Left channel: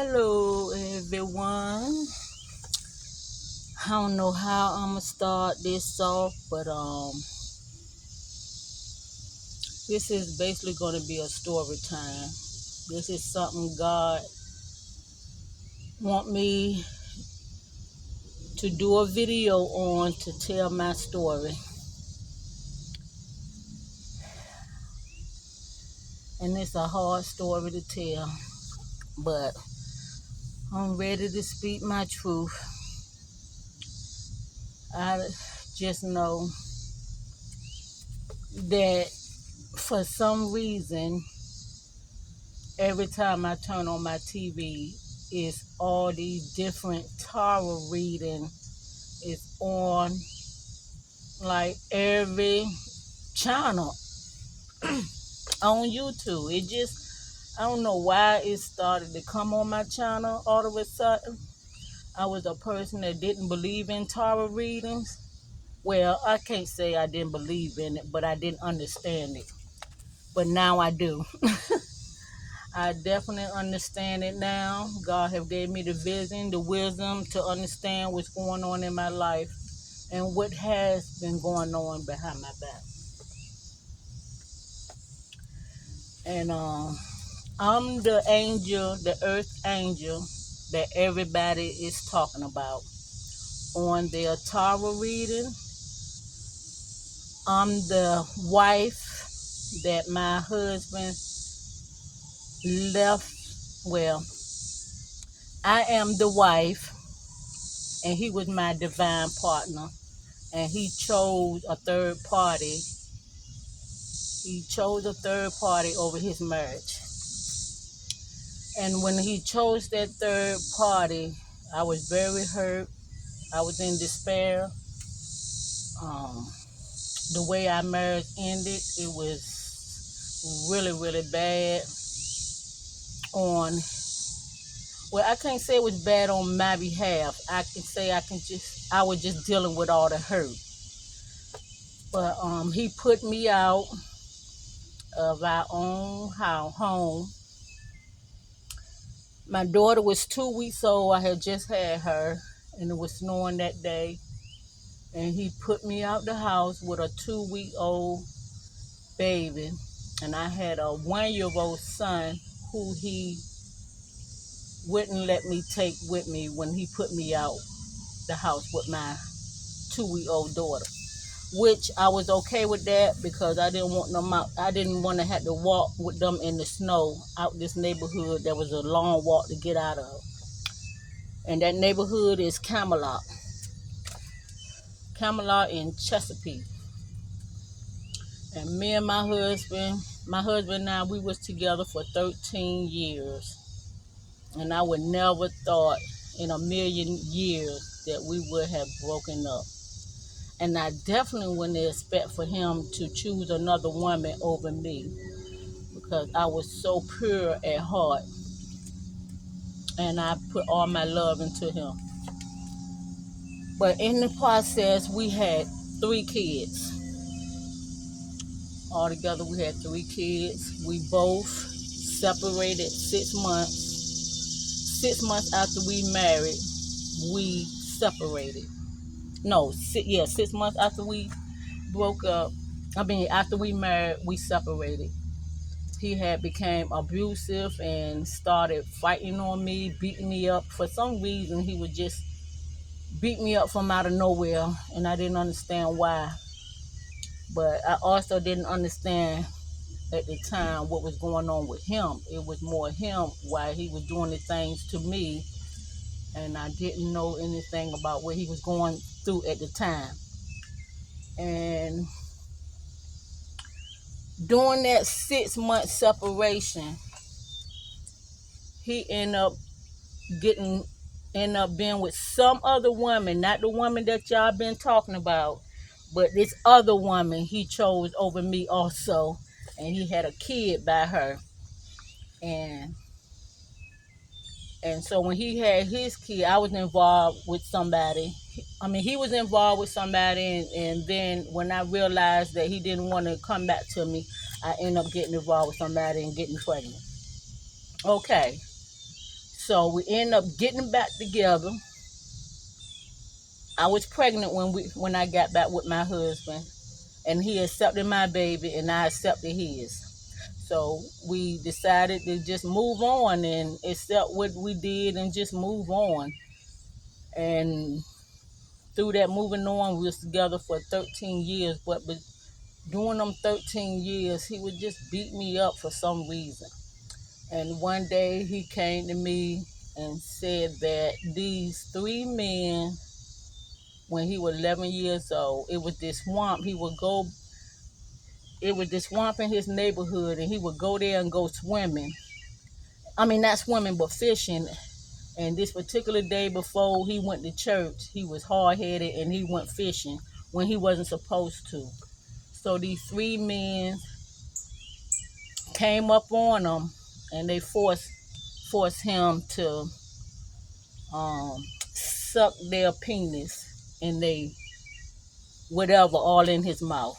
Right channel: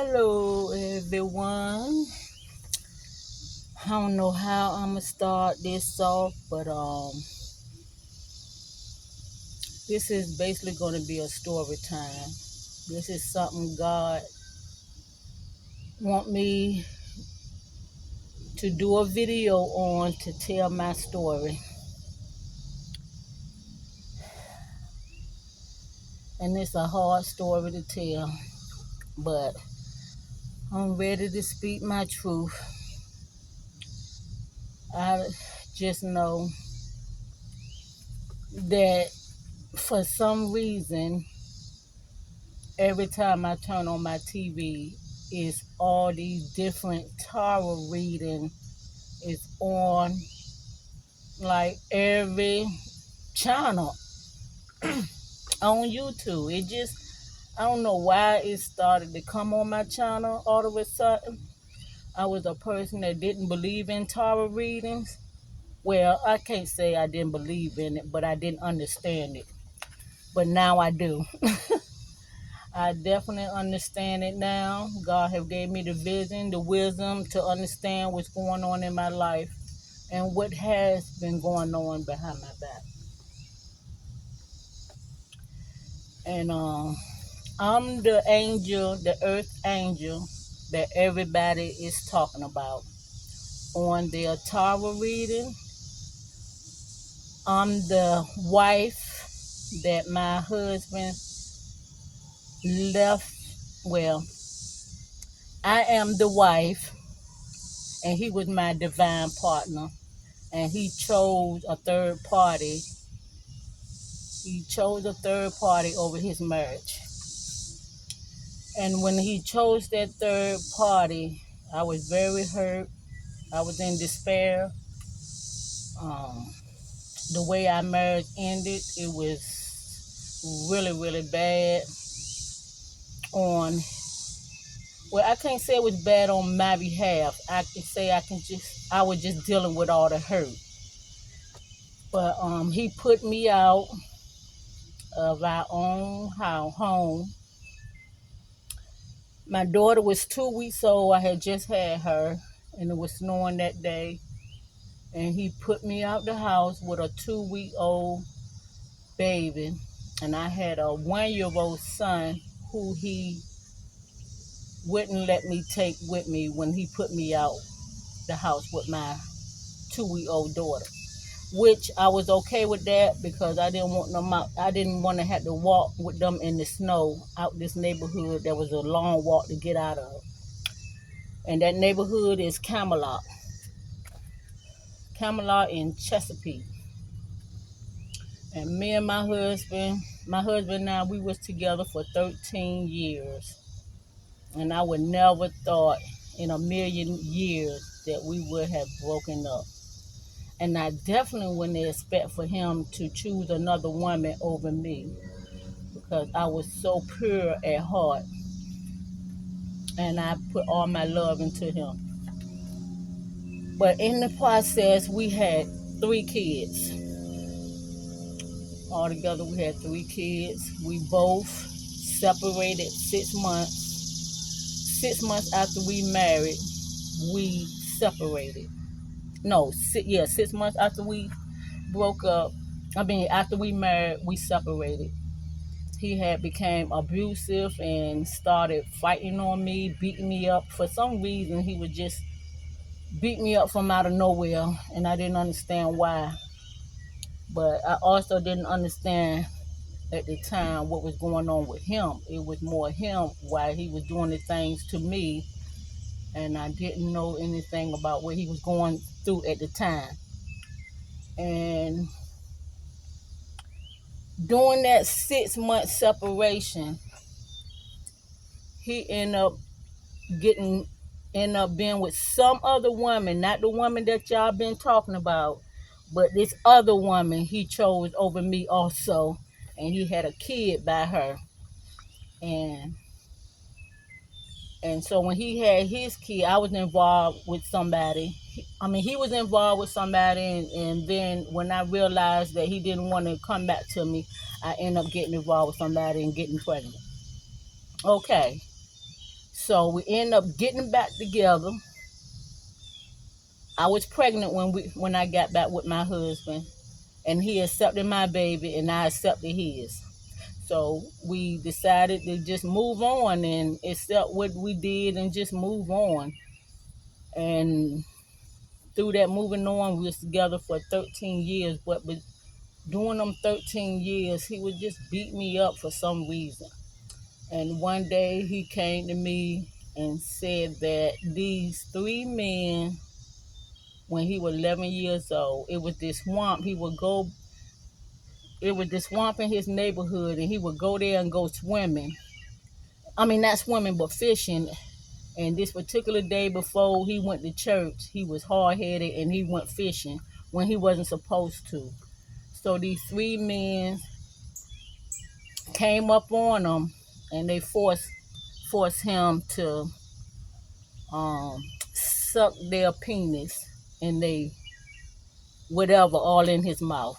Hello, everyone. I don't know how I'm gonna start this off, but this is basically gonna be a story time. This is something God want me to do a video on to tell my story, and it's a hard story to tell, but I'm ready to speak my truth. I just know that for some reason every time I turn on my TV, it's all these different tarot reading is on like every channel on YouTube. It just I don't know why it started to come on my channel all of a sudden. I was a person that didn't believe in tarot readings. Well, I can't say I didn't believe in it, but I didn't understand it. But now I do. I definitely understand it now. God have gave me the vision, the wisdom to understand what's going on in my life and what has been going on behind my back. And I'm the angel, the earth angel that everybody is talking about. On their tarot reading, I'm the wife that my husband left. Well, I am the wife, and he was my divine partner, and he chose a third party. He chose a third party over his marriage. And when he chose that third party, I was very hurt. I was in despair. Um, the way our marriage ended, it was really, really bad. On Well, I can't say it was bad on my behalf. I can say I was just dealing with all the hurt. But he put me out of our own home. My daughter was 2 weeks old. I had just had her, and it was snowing that day. And he put me out the house with a 2-week-old baby. And I had a 1-year-old son who he wouldn't let me take with me when he put me out the house with my 2-week-old daughter. Which I was okay with that because I didn't want them out. I didn't want to have to walk with them in the snow out this neighborhood. That was a long walk to get out of. And that neighborhood is Camelot in Chesapeake. And me and my husband and I, we was together for 13 years. And I would never thought in a million years that we would have broken up. And I definitely wouldn't expect for him to choose another woman over me because I was so pure at heart. And I put all my love into him. But in the process, we had 3 kids. Altogether, we had 3 kids. We both separated 6 months. 6 months after we married, we separated. No, 6 months after we broke up. After we married, we separated. He had became abusive and started fighting on me, beating me up. For some reason, he would just beat me up from out of nowhere, and I didn't understand why. But I also didn't understand at the time what was going on with him. It was more him why he was doing the things to me, and I didn't know anything about what he was going through at the time. And during that 6 month separation, he ended up being with some other woman, not the woman that y'all been talking about, but this other woman he chose over me also, and he had a kid by her. And so when he had his kid, I was involved with somebody. He was involved with somebody, and then when I realized that he didn't want to come back to me, I ended up getting involved with somebody and getting pregnant. Okay, So we ended up getting back together. I was pregnant when I got back with my husband, and he accepted my baby, and I accepted his. So we decided to just move on and accept what we did and just move on. And through that moving on, we was together for 13 years. But during them 13 years, he would just beat me up for some reason. And one day he came to me and said that these three men, when he was 11 years old, it was this swamp. It was this swamp in his neighborhood, and he would go there and go swimming. I mean, not swimming, but fishing. And this particular day before he went to church, he was hard headed and he went fishing when he wasn't supposed to. So these three men came up on him, and they forced him to suck their penis and they whatever all in his mouth.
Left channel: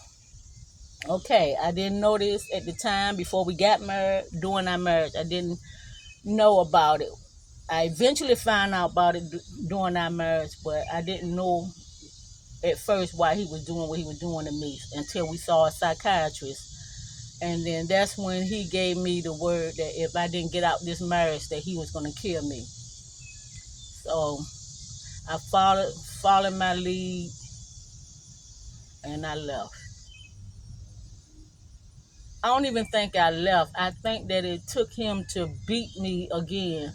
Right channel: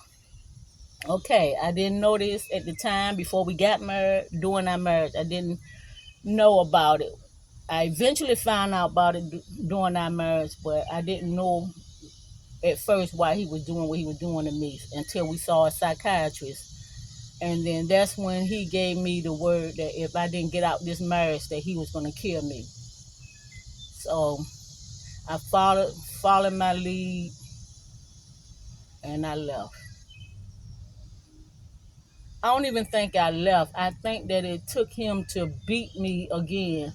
Okay, I didn't know this at the time before we got married. During our marriage, I didn't know about it. I eventually found out about it during our marriage, but I didn't know at first why he was doing what he was doing to me until we saw a psychiatrist. And then that's when he gave me the word that if I didn't get out this marriage, that he was going to kill me. So I followed my lead, and I left. I don't even think I left. I think that it took him to beat me again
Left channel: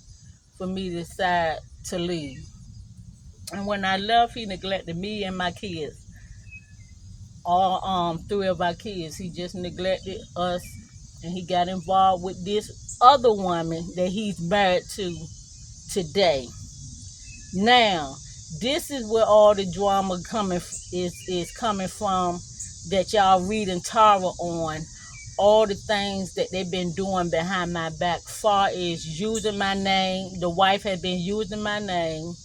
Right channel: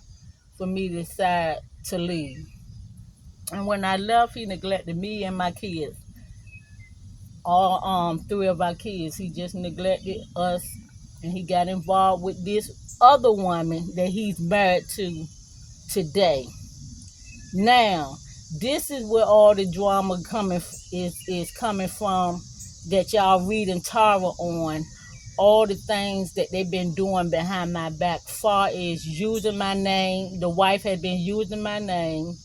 for me to decide to leave. And when I left, he neglected me and my kids. All three of our kids. He just neglected us, and he got involved with this other woman that he's married to today. Now, this is where all the drama is coming from, that y'all reading Tara on. All the things that they've been doing behind my back, far as using my name. The wife had been using my name.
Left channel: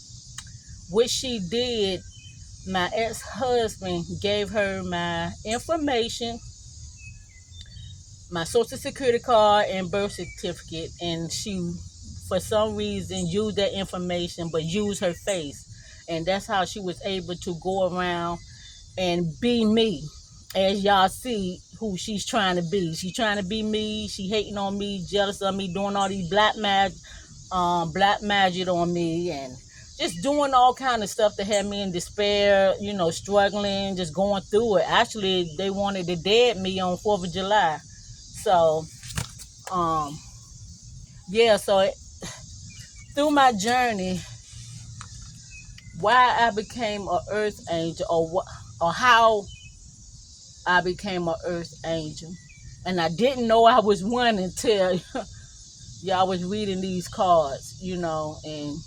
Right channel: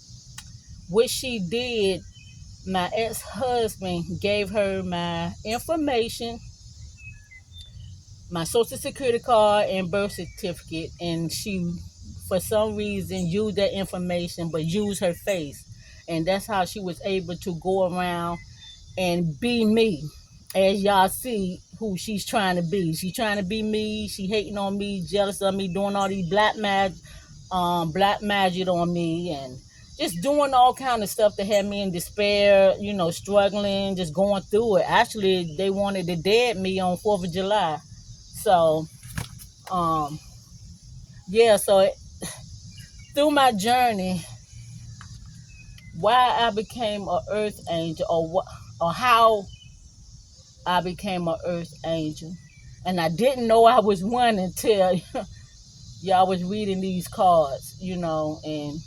What she did, my ex-husband gave her my information, my social security card and birth certificate, and she, for some reason, used that information but used her face. And that's how she was able to go around and be me. As y'all see who she's trying to be. She's trying to be me. She hating on me, jealous of me, doing all these black magic on me, and just doing all kind of stuff to have me in despair, struggling, just going through it. Actually, they wanted to dead me on 4th of July. So, through my journey, why I became an earth angel, or how I became an earth angel. And I didn't know I was one until y'all was reading these cards, and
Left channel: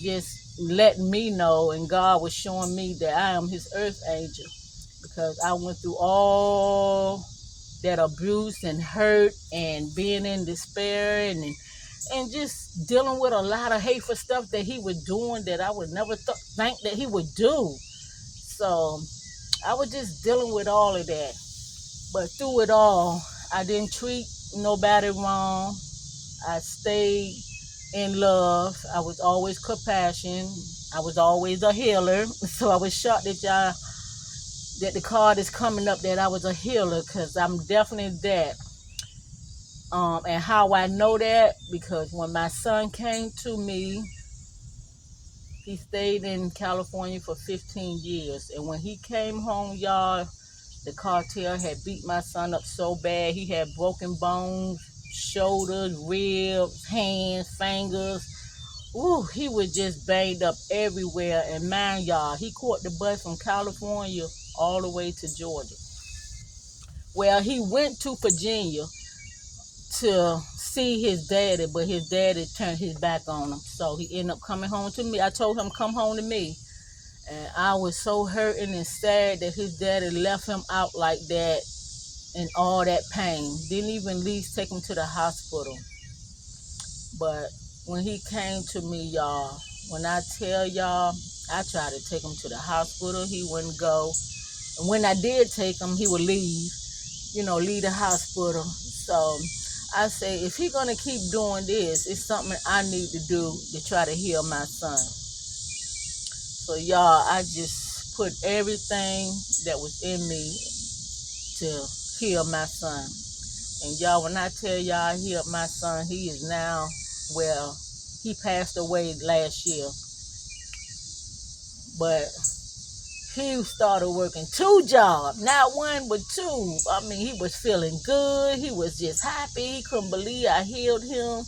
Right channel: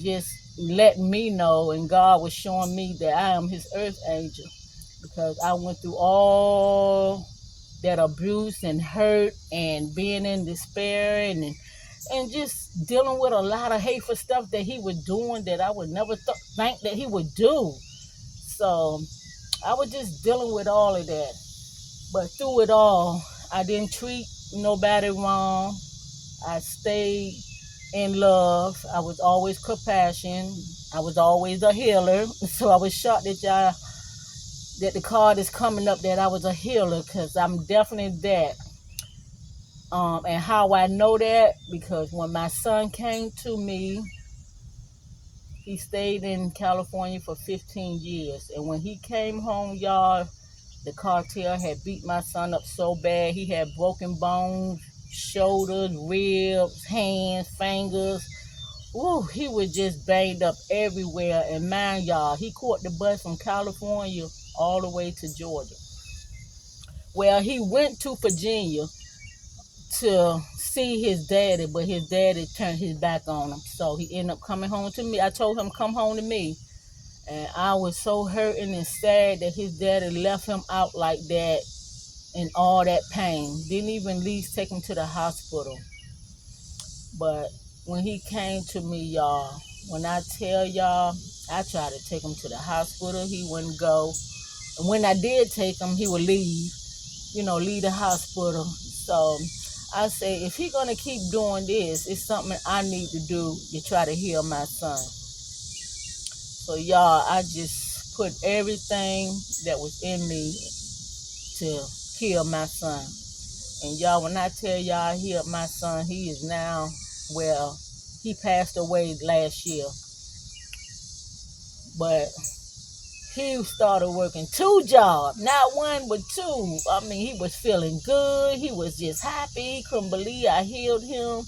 just letting me know, and God was showing me that I am his earth angel, because I went through all that abuse and hurt and being in despair and just dealing with a lot of hateful stuff that he was doing that I would never think that he would do. So I was just dealing with all of that. But through it all, I didn't treat nobody wrong. I stayed in love. I was always compassion. I was always a healer. So I was shocked that the card is coming up that I was a healer, because I'm definitely that. And how I know that, because when my son came to me, he stayed in California for 15 years. And when he came home, y'all, the cartel had beat my son up so bad. He had broken bones, shoulders, ribs, hands, fingers. Ooh, he was just banged up everywhere. And man, y'all, he caught the bus from California all the way to Georgia. Well, he went to Virginia to see his daddy, but his daddy turned his back on him. So he ended up coming home to me. I told him, come home to me. And I was so hurting and sad that his daddy left him out like that in all that pain. Didn't even at least take him to the hospital. But when he came to me, y'all, when I tell y'all, I tried to take him to the hospital. He wouldn't go. And when I did take him, he would leave the hospital. So I say, if he gonna keep doing this, it's something I need to do to try to heal my son. So y'all, I just put everything that was in me to heal my son. And y'all, when I tell y'all I healed my son, he is now, well, he passed away last year. But he started working 2 jobs, not one but 2. I mean, he was feeling good. He was just happy. He couldn't believe I healed him.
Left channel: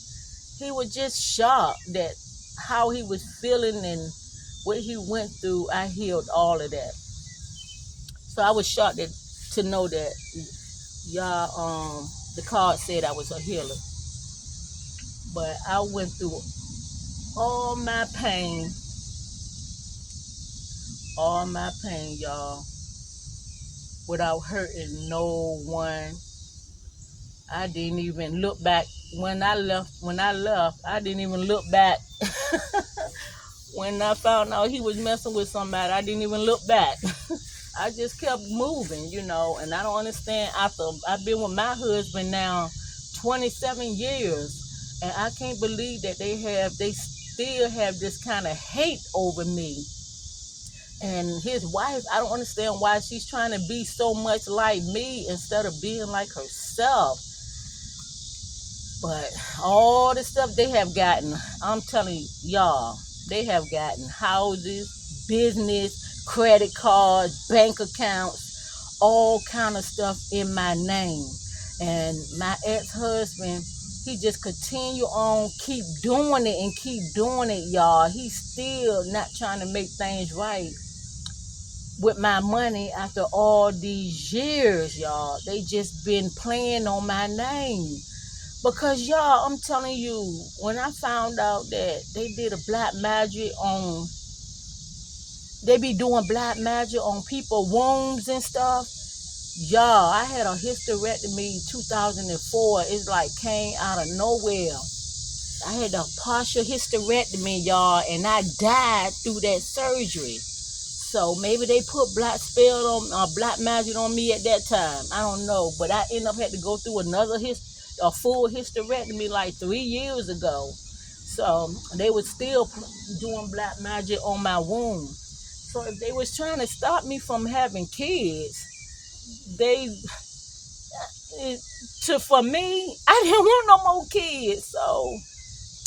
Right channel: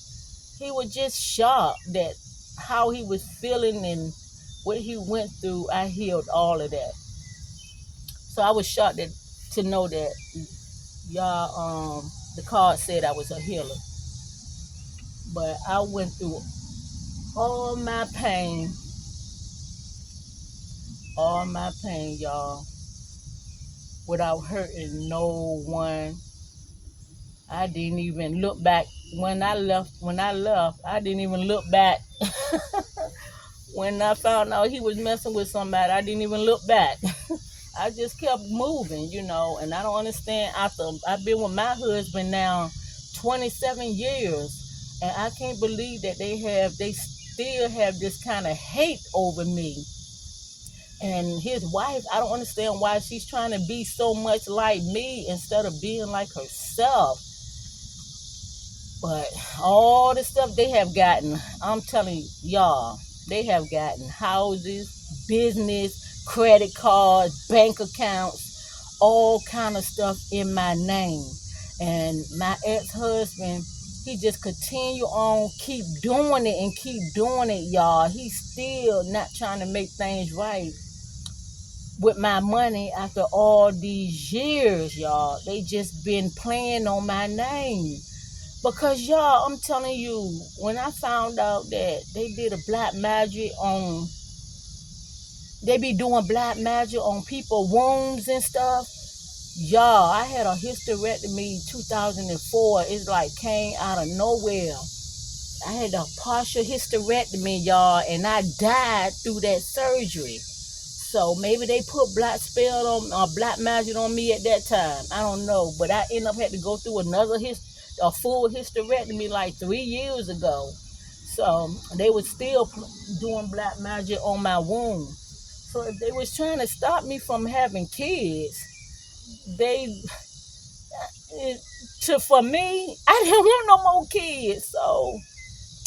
He was just shocked that how he was feeling and what he went through. I healed all of that. So I was shocked to know that y'all, the card said I was a healer. But I went through all my pain, y'all, without hurting no one. I didn't even look back when I left. I didn't even look back. When I found out he was messing with somebody, I didn't even look back. I just kept moving, and I don't understand. After I've been with my husband now 27 years, and I can't believe that they still have this kind of hate over me. And his wife, I don't understand why she's trying to be so much like me instead of being like herself. But all the stuff they have gotten, I'm telling y'all, they have gotten houses, business, credit cards, bank accounts, all kind of stuff in my name. And my ex-husband, he just continue on, keep doing it, y'all. He's still not trying to make things right with my money after all these years, y'all. They just been playing on my name. Because y'all, I'm telling you, when I found out that they did a black magic on, they be doing black magic on people's wombs and stuff. Y'all, I had a hysterectomy 2004. It's like came out of nowhere. I had a partial hysterectomy, y'all, and I died through that surgery. So maybe they put black spell on, black magic on me at that time. I don't know, but I ended up had to go through a full hysterectomy like 3 years ago. So they was still doing black magic on my womb. So if they was trying to stop me from having kids, for me, I didn't want no more kids. So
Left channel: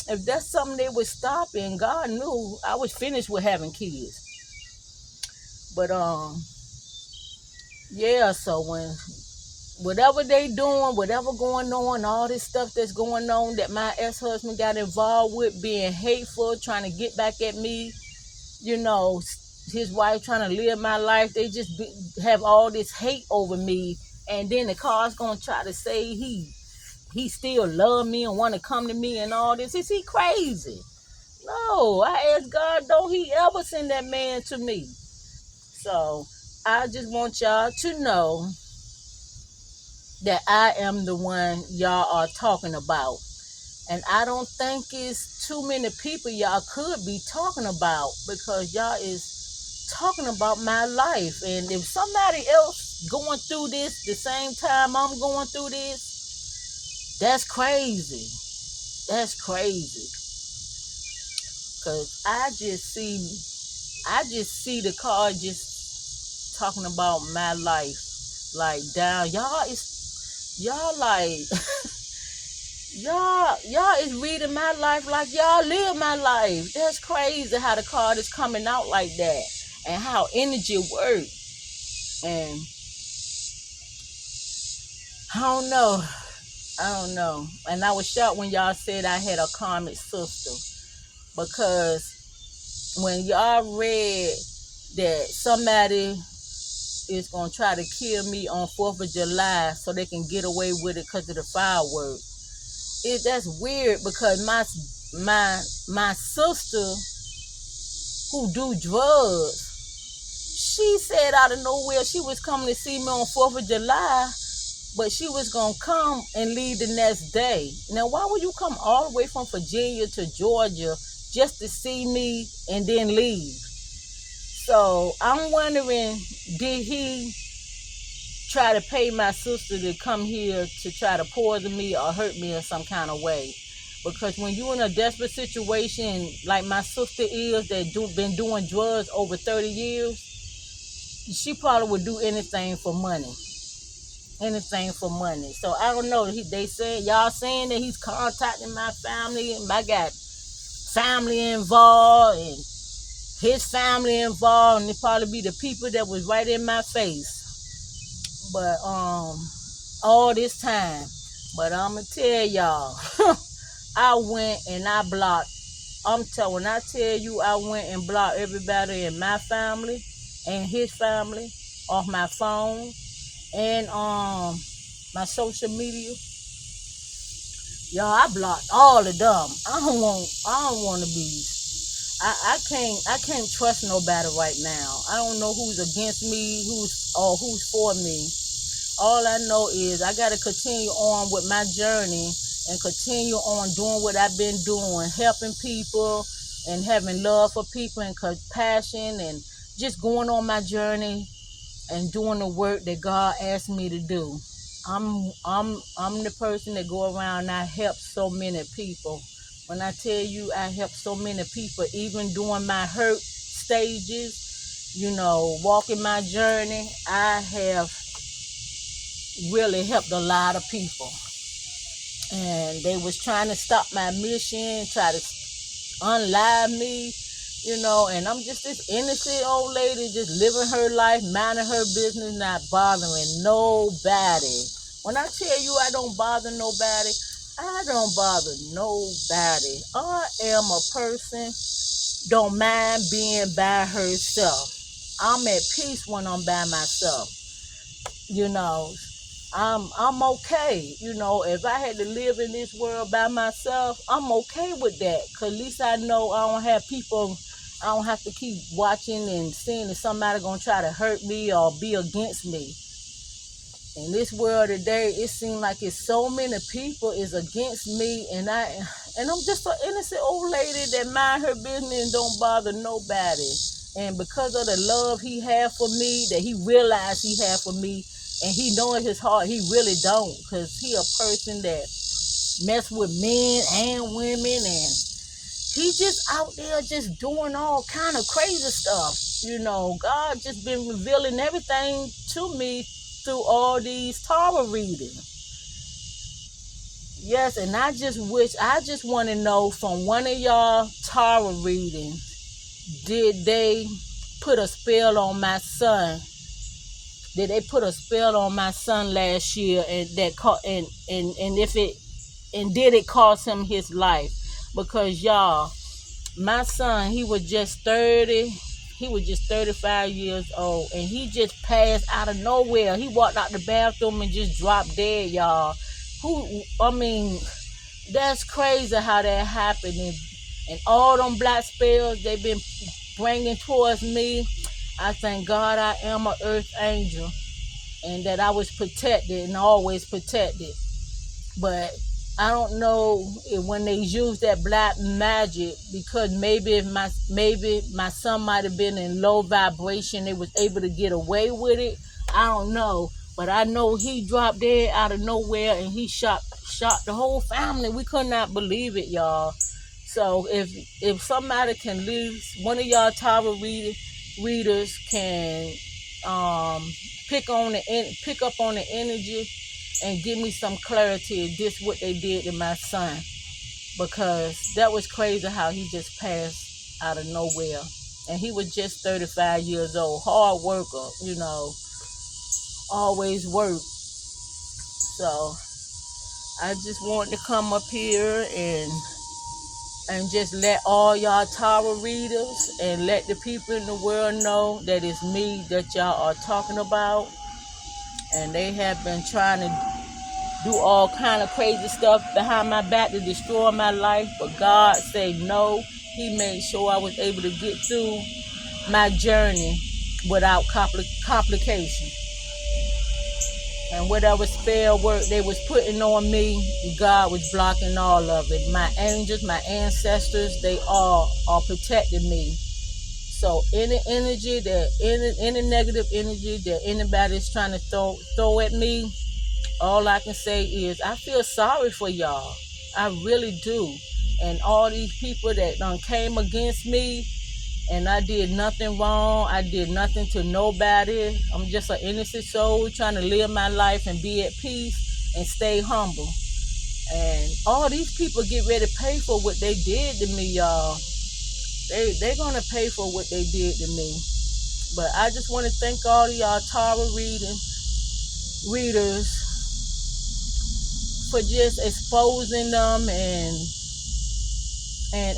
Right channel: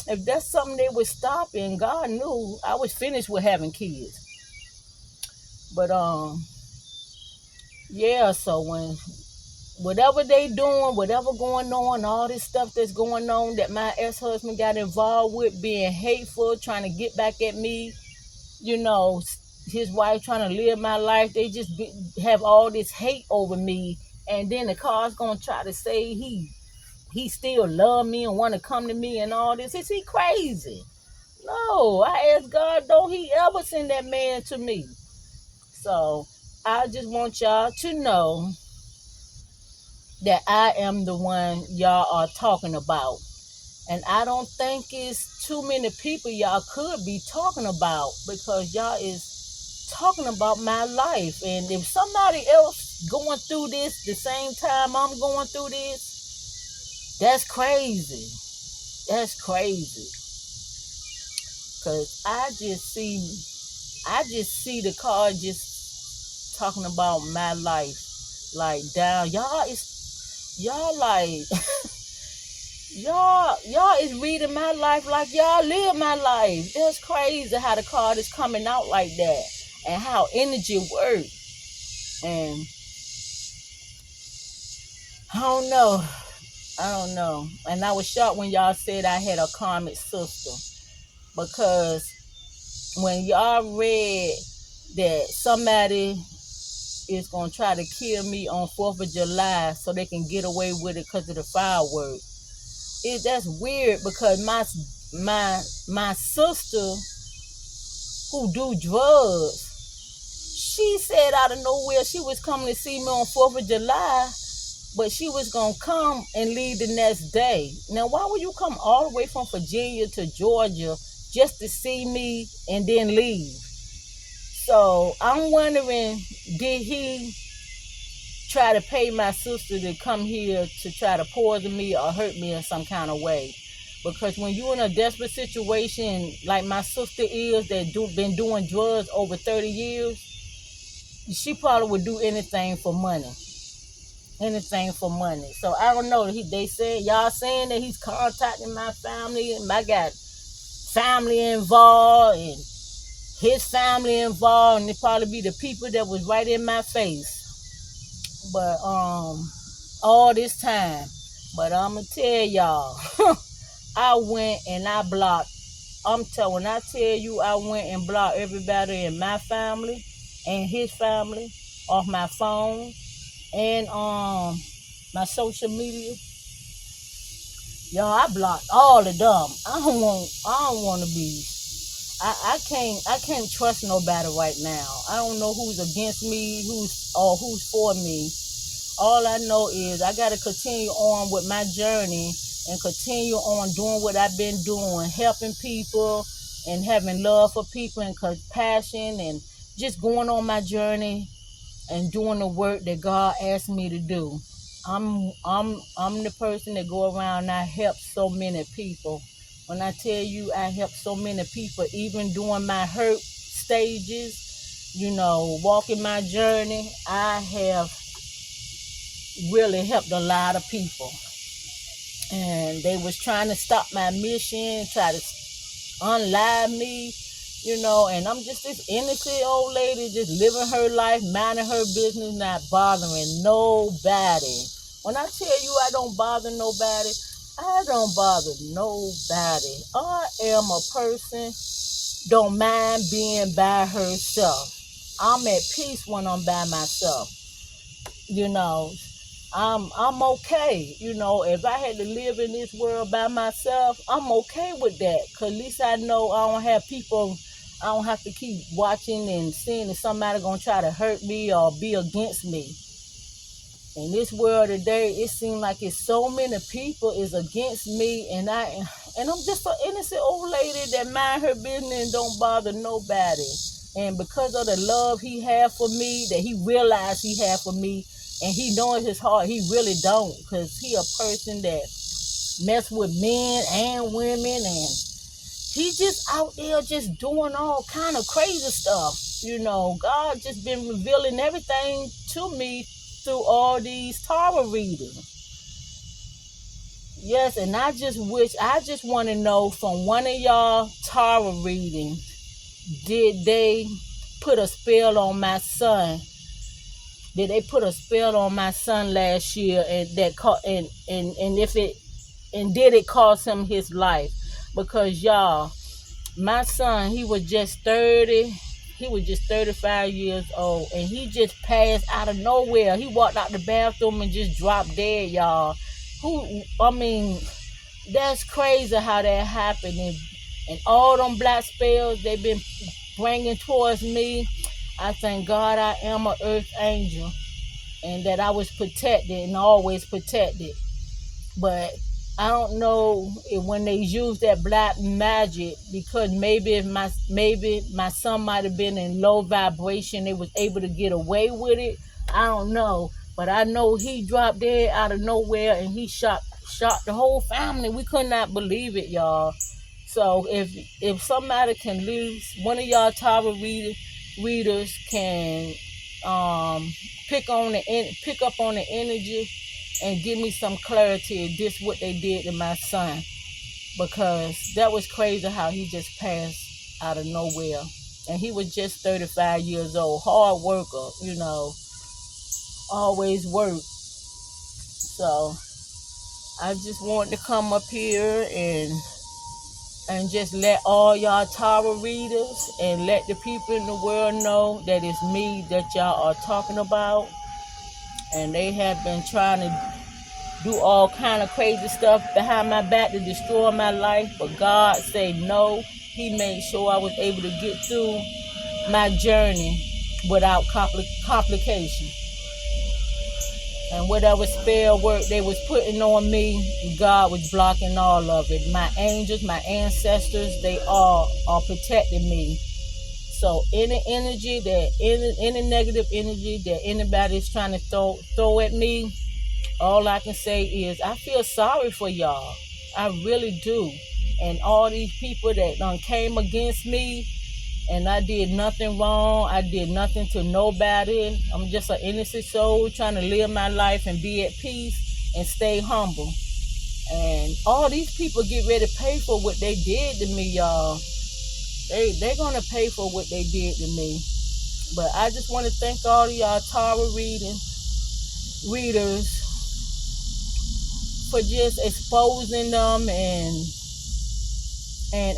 if that's something they was stopping, God knew I was finished with having kids. But yeah, so when whatever they doing, whatever going on, all this stuff that's going on that my ex-husband got involved with, being hateful, trying to get back at me, his wife trying to live my life, they just have all this hate over me. And then the car's gonna try to say he still love me and want to come to me and all this. Is he crazy? No, I asked God, don't he ever send that man to me. So I just want y'all to know that I am the one y'all are talking about. And I don't think it's too many people y'all could be talking about, because y'all is talking about my life. And if somebody else going through this the same time I'm going through this, that's crazy. That's crazy. Because I just see the card just talking about my life. Like down, y'all like y'all is reading my life like y'all live my life. That's crazy how the card is coming out like that, and how energy works. And I don't know. And I was shocked when y'all said I had a karmic sister, because when y'all read that somebody is gonna try to kill me on 4th of July so they can get away with it because of the fireworks. That's weird, because my sister who do drugs, she said out of nowhere she was coming to see me on 4th of July, but she was gonna come and leave the next day. Now, why would you come all the way from Virginia to Georgia just to see me and then leave? So I'm wondering, did he try to pay my sister to come here to try to poison me or hurt me in some kind of way. Because when you're in a desperate situation like my sister is, that been doing drugs over 30 years, she probably would do anything for money. Anything for money. So I don't know. They said, y'all saying that he's contacting my family, and I got family involved and his family involved, and it probably be the people that was right in my face. But all this time. But I'ma tell y'all, I went and I blocked. When I tell you I went and blocked everybody in my family and his family off my phone and my social media. Y'all, I blocked all of them. I don't want to be. I can't trust nobody right now. I don't know who's against me, who's for me. All I know is I gotta continue on with my journey and continue on doing what I've been doing, helping people and having love for people and compassion and just going on my journey and doing the work that God asked me to do. I'm the person that go around and I help so many people. When I tell you I help so many people, even during my hurt stages, walking my journey, I have really helped a lot of people. And they was trying to stop my mission, try to unlive me, and I'm just this innocent old lady just living her life, minding her business, not bothering nobody. When I tell you I don't bother nobody, I don't bother nobody. I am a person, don't mind being by herself. I'm at peace when I'm by myself. I'm okay. If I had to live in this world by myself, I'm okay with that. Cause at least I know I don't have people, I don't have to keep watching and seeing if somebody gonna try to hurt me or be against me. In this world today, it seems like it's so many people is against me, and I'm just an innocent old lady that mind her business and don't bother nobody. And because of the love he had for me, that he realized he had for me, and he know in his heart he really don't, because he a person that mess with men and women, and he just out there just doing all kind of crazy stuff. God just been revealing everything to me through all these tarot readings. Yes, and I just want to know from one of y'all tarot readings, did they put a spell on my son? Did they put a spell on my son last year, and did it cost him his life? Because y'all, my son, he was just 35 years old, and he just passed out of nowhere. He walked out the bathroom and just dropped dead, y'all. That's crazy how that happened. And all them black spells they've been bringing towards me, I thank God I am an earth angel and that I was protected and always protected. But I don't know if when they use that black magic, because maybe my son might have been in low vibration, they was able to get away with it. I don't know. But I know he dropped dead out of nowhere and he shot the whole family. We could not believe it, y'all. So if somebody can lose, one of y'all tarot readers can pick up on the energy and give me some clarity if this what they did to my son, because that was crazy how he just passed out of nowhere, and he was just 35 years old, hard worker, always worked. So I just wanted to come up here and just let all y'all tarot readers and let the people in the world know that it's me that y'all are talking about. And they have been trying to do all kind of crazy stuff behind my back to destroy my life, but God said no. He made sure I was able to get through my journey without complication. And whatever spell work they was putting on me, God was blocking all of it. My angels, my ancestors, they all are protecting me. So any energy that any negative energy that anybody's trying to throw at me, all I can say is I feel sorry for y'all. I really do. And all these people that done came against me, and I did nothing wrong. I did nothing to nobody. I'm just an innocent soul trying to live my life and be at peace and stay humble. And all these people get ready to pay for what they did to me, y'all. They're gonna pay for what they did to me. But I just want to thank all of y'all tarot readers for just exposing them and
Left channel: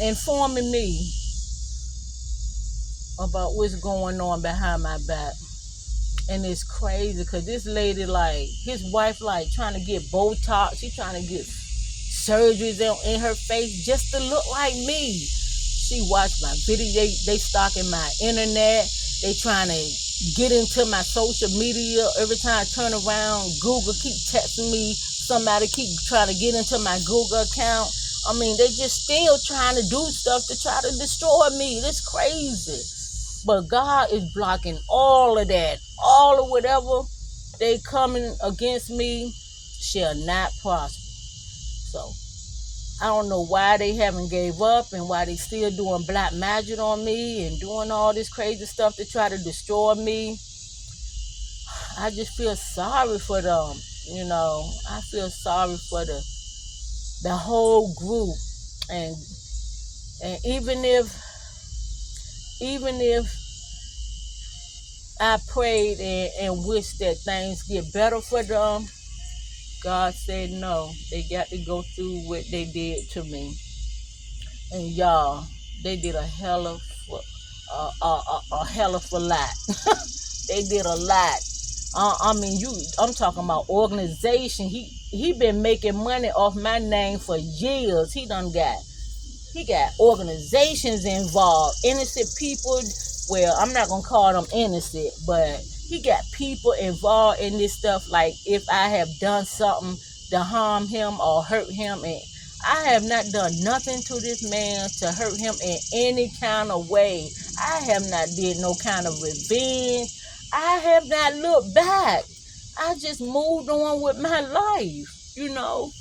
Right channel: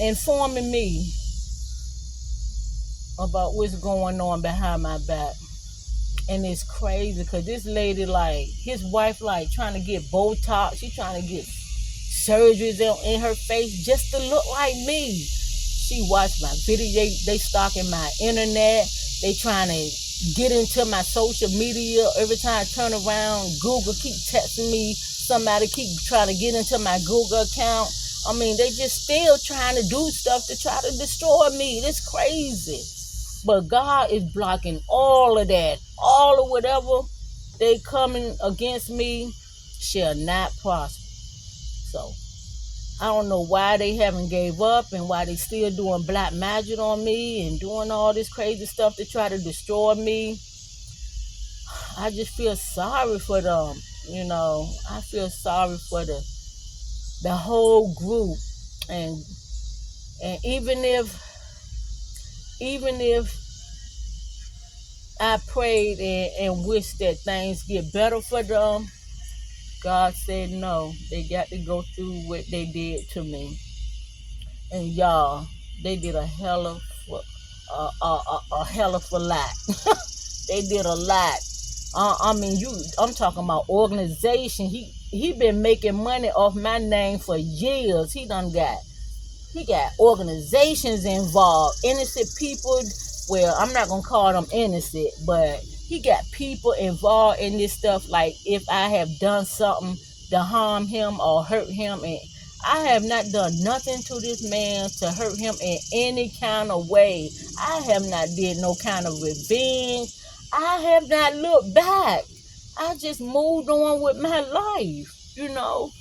informing me about what's going on behind my back. And it's crazy because this lady, like, his wife, like, trying to get Botox. She trying to get surgeries in her face just to look like me. She watched my video. They stalking my internet. They trying to get into my social media. Every time I turn around, Google keep texting me. Somebody keep trying to get into my Google account. I mean, they just still trying to do stuff to try to destroy me. It's crazy. But God is blocking all of that. All of whatever they coming against me shall not prosper. So I don't know why they haven't gave up and why they still doing black magic on me and doing all this crazy stuff to try to destroy me. I just feel sorry for them. You know, I feel sorry for the whole group. And even if I prayed and wished that things get better for them, God said no. They got to go through what they did to me. And y'all, they did a hell of a lot. They did a lot. I mean, I'm talking about organization. He been making money off my name for years. He got organizations involved, innocent people. Well, I'm not gonna call them innocent, but he got people involved in this stuff. Like if I have done something to harm him or hurt him, and I have not done nothing to this man to hurt him in any kind of way. I have not did no kind of revenge. I have not looked back. I just moved on with my life, you know.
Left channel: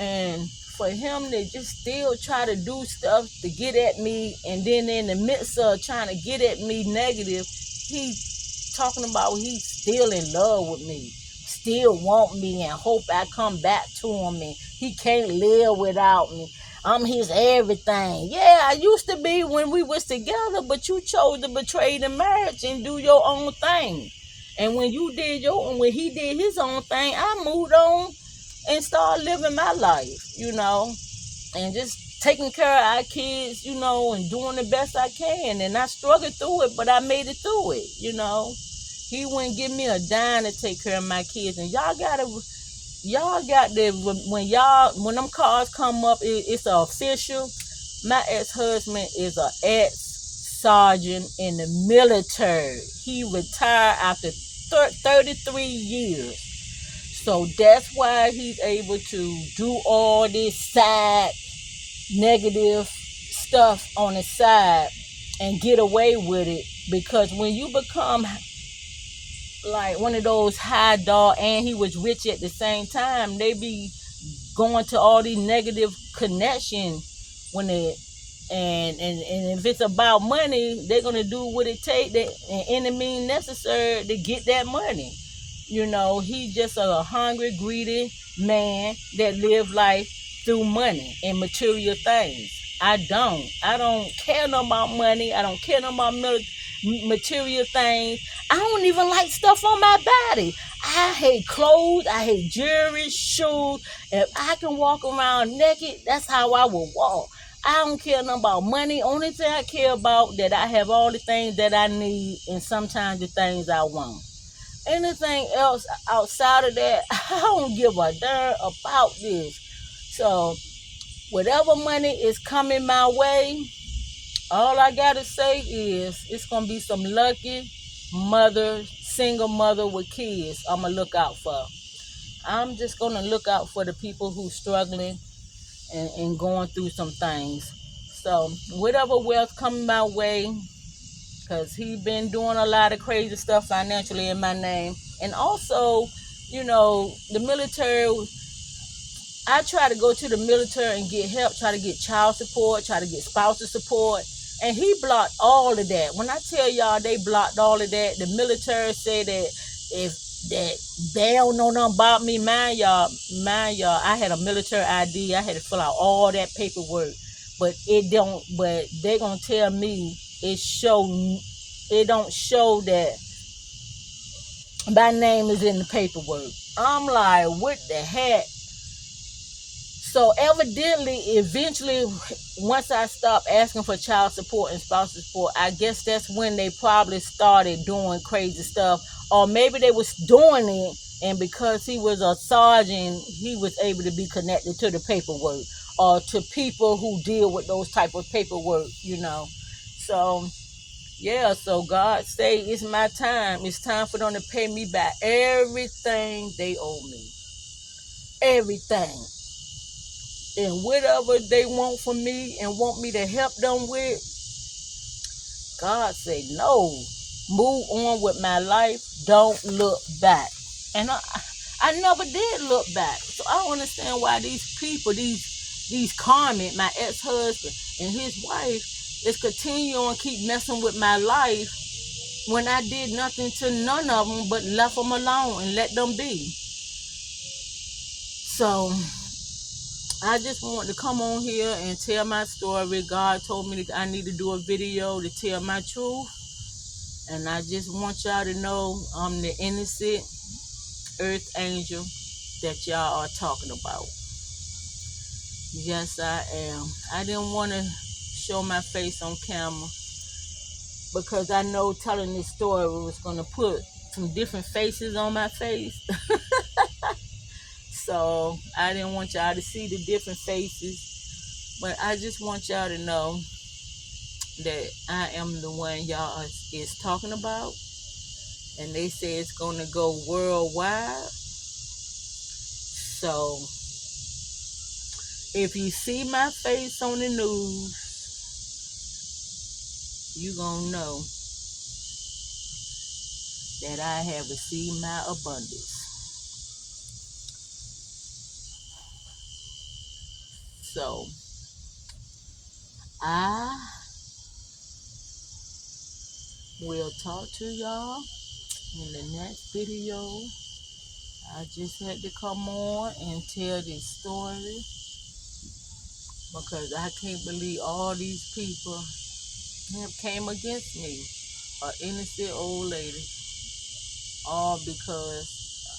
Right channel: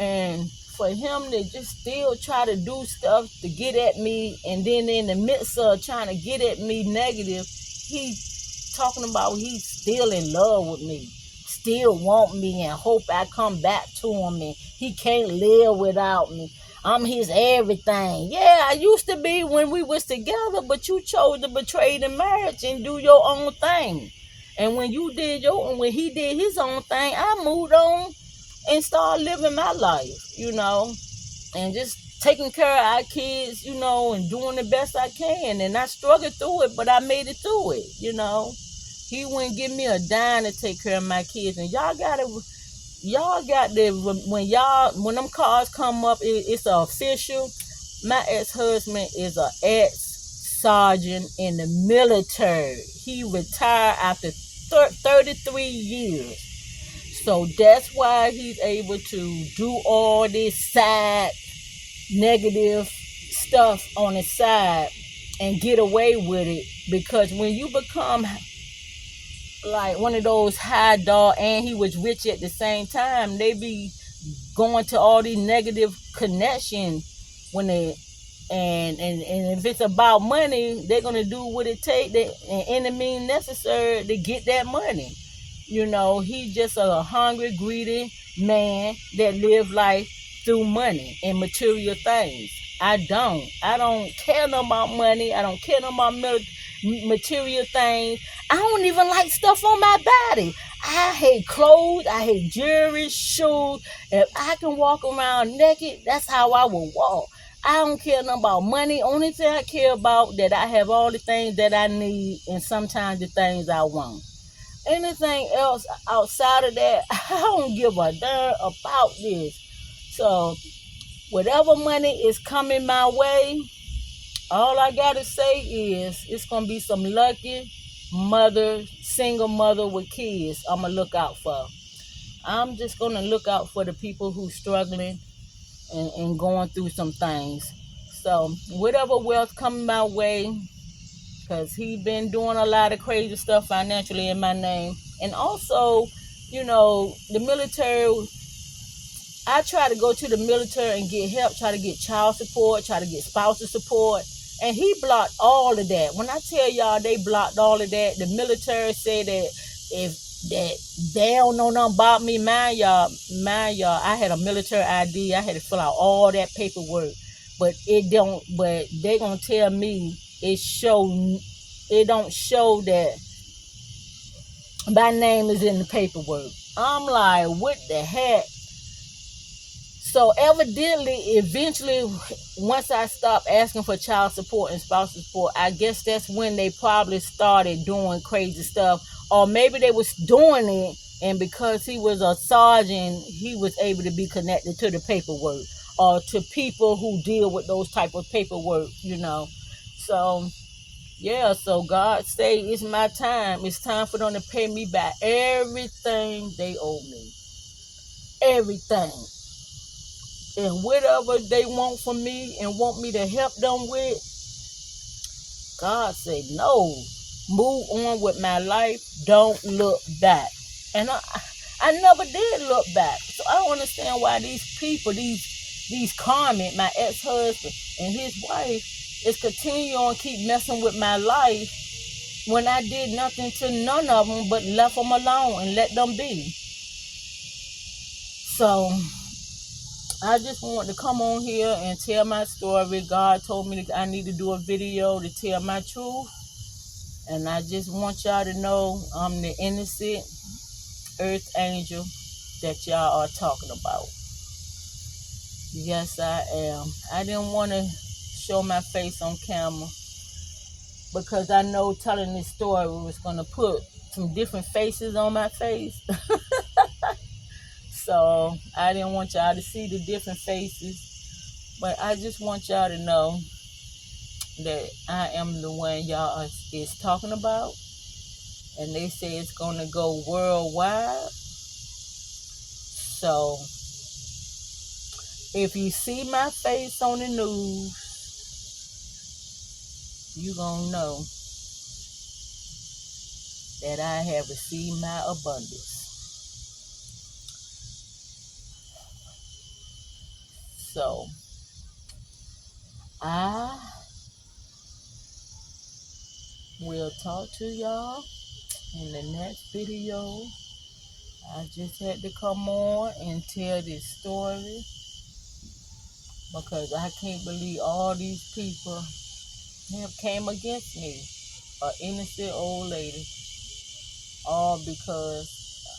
And for him to just still try to do stuff to get at me, and then in the midst of trying to get at me negative, he talking about he's still in love with me, still want me and hope I come back to him, and he can't live without me. I'm his everything. Yeah, I used to be when we was together, but you chose to betray the marriage and do your own thing. And when he did his own thing, I moved on and started living my life, you know, and just taking care of our kids, you know, and doing the best I can. And I struggled through it, but I made it through it, you know. He wouldn't give me a dime to take care of my kids. And y'all got to, when them cars come up, it's official. My ex-husband is an ex-sergeant in the military. He retired after 33 years. So that's why he's able to do all this side negative stuff on his side and get away with it. Because when you become like one of those high dog, and he was rich at the same time, they be going to all these negative connections when they and if it's about money, they're gonna do what it takes and any means necessary to get that money. You know, he's just a hungry, greedy man that lives life through money and material things. I don't care no about money. I don't care no about material things. I don't even like stuff on my body. I hate clothes. I hate jewelry, shoes. If I can walk around naked, that's how I will walk. I don't care nothing about money. Only thing I care about that I have all the things that I need and sometimes the things I want. Anything else outside of that, I don't give a darn about this. So whatever money is coming my way, all I gotta say is it's gonna be some lucky mother, single mother with kids I'm gonna look out for. I'm just gonna look out for the people who struggling and going through some things. So whatever wealth coming my way, because he been doing a lot of crazy stuff financially in my name. And also, the military, I try to go to the military and get help, try to get child support, try to get spousal support. And he blocked all of that. When I tell y'all they blocked all of that, the military said that if that they don't know nothing about me, mind y'all, I had a military ID. I had to fill out all that paperwork. But they gonna tell me it don't show that my name is in the paperwork. I'm like, what the heck? So evidently, eventually, once I stopped asking for child support and spousal support, I guess that's when they probably started doing crazy stuff. Or maybe they was doing it, and because he was a sergeant, he was able to be connected to the paperwork or to people who deal with those type of paperwork, So, yeah, so God say it's my time. It's time for them to pay me back everything they owe me. Everything. And whatever they want from me and want me to help them with, God say no. Move on with my life. Don't look back. And I never did look back. So I don't understand why these people, these Carmen, my ex-husband, and his wife, is continue on keep messing with my life when I did nothing to none of them but left them alone and let them be. So I just want to come on here and tell my story. God told me that I need to do a video to tell my truth. And I just want y'all to know I'm the innocent earth angel that y'all are talking about. Yes, I am. I didn't want to show my face on camera because I know telling this story was going to put some different faces on my face. So I didn't want y'all to see the different faces, but I just want y'all to know that I am the one y'all is talking about, and they say it's gonna go worldwide. So if you see my face on the news, you gonna know that I have received my abundance. So I will talk to y'all in the next video. I just had to come on and tell this story because I can't believe all these people have came against me, an innocent old lady, all because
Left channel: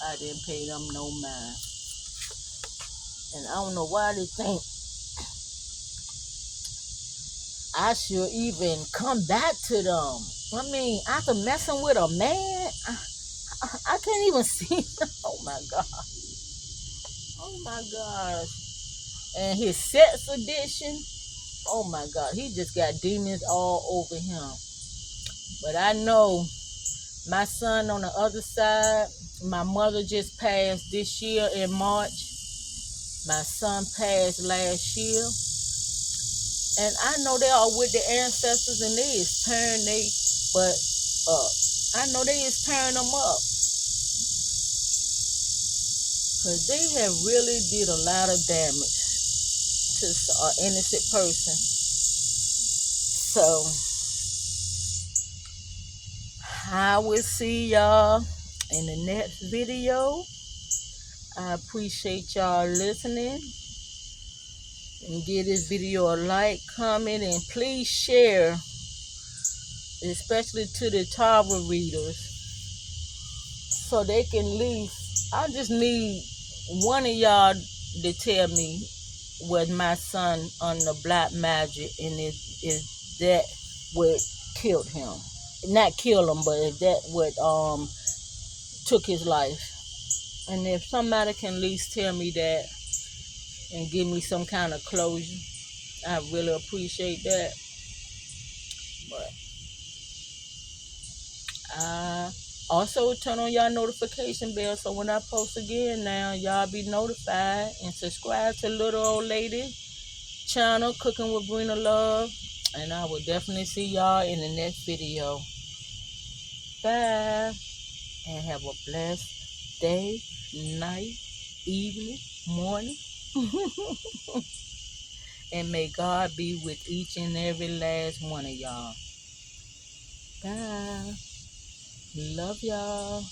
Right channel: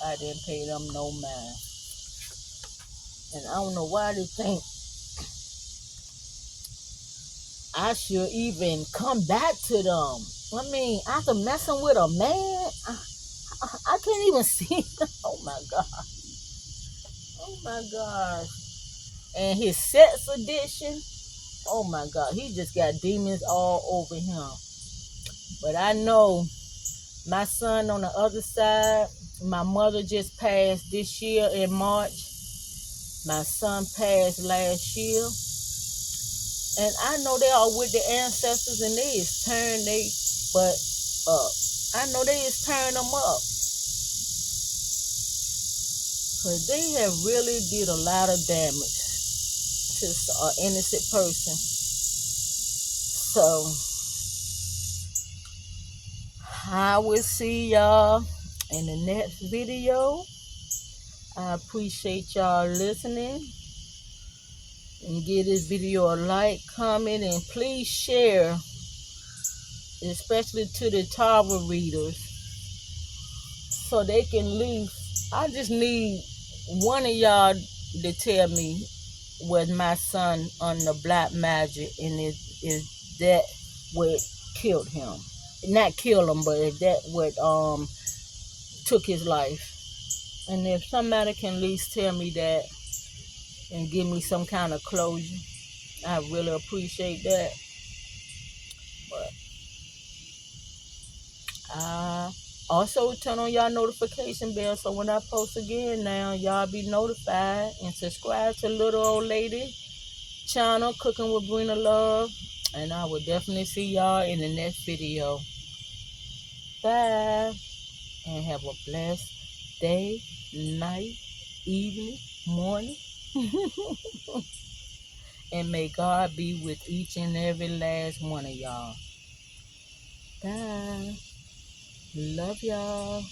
I didn't pay them no mind. And I don't know why they think I should even come back to them. I mean, after messing with a man, I can't even see. Oh my God. Oh my gosh. And his sex addiction, oh my God, he just got demons all over him. But I know my son on the other side, my mother just passed this year in March. My son passed last year. And I know they are with the ancestors and they is turning they butt up. I know they is turning them up. Because they have really did a lot of damage to an innocent person. So I will see y'all in the next video. I appreciate y'all listening. And give this video a like, comment, and please share, especially to the tarot readers, so they can leave. I just need one of y'all to tell me was my son under black magic, and is that what killed him? Not kill him, but is that what took his life? And if somebody can at least tell me that and give me some kind of closure, I really appreciate that. But also turn on y'all notification bell so when I post again now, y'all be notified, and subscribe to Little Old Lady channel, Cooking with Brina Love. And I will definitely see y'all in the next video. Bye. And have a blessed day, night, evening, morning. And may God be with each and every last one of y'all. Bye. Love y'all.